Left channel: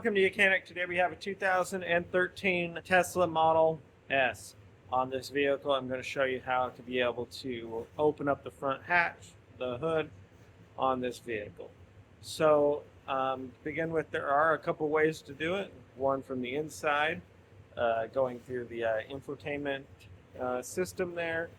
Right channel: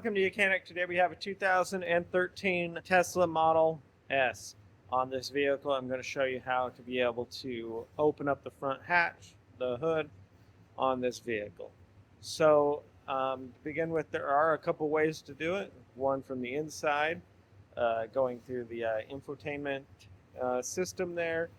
Welcome to Mechanic. Today we have a 2013 Tesla Model S. On this vehicle, I'm going to show you how to be able to open up the front hatch, the hood, on this vehicle. So, to begin with, there are a couple ways to do it. One from the inside, going through the infotainment system there,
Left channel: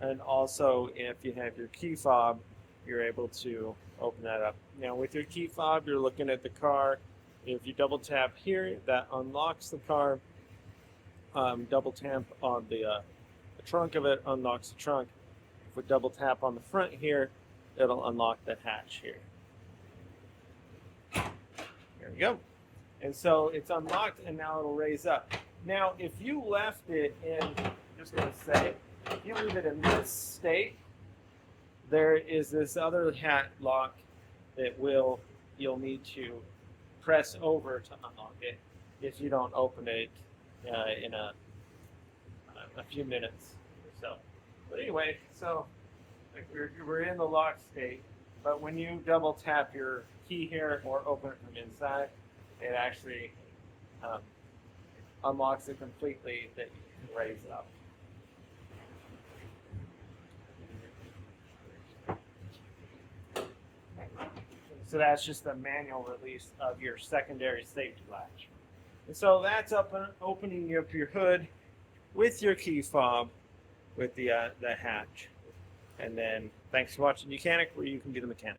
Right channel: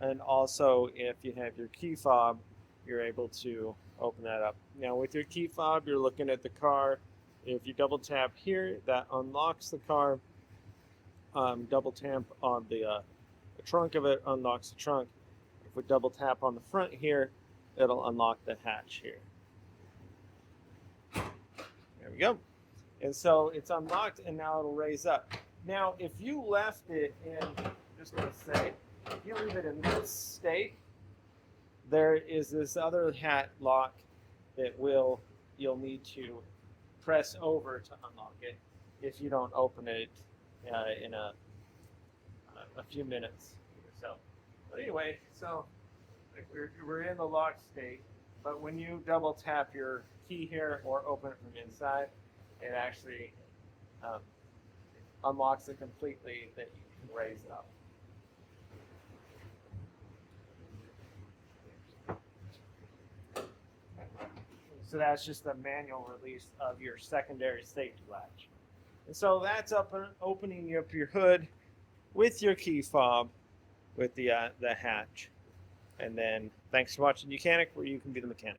and also if you have your key fob, you're able to open that up. Now, with your key fob, you're looking at the car. If you double tap here, that unlocks the car. Double tap on the trunk of it, unlocks the trunk. If we double tap on the front here, it'll unlock the hatch here. There we go. And so it's unlocked, and now it'll raise up. Now, if you left it in, just going to say, if you leave it in this state, there is this other hat lock that you'll need to press over to unlock it if you don't open it in a few minutes or so. But anyway, so like we're in the lock state, but when you double tap your key here or open it from inside, it actually unlocks it completely that you can raise it up. So that's just the manual release of your secondary safety latch. And so that's opening up your hood with your key fob with the hatch. And then thanks for watching Mechanic, where you can be the mechanic.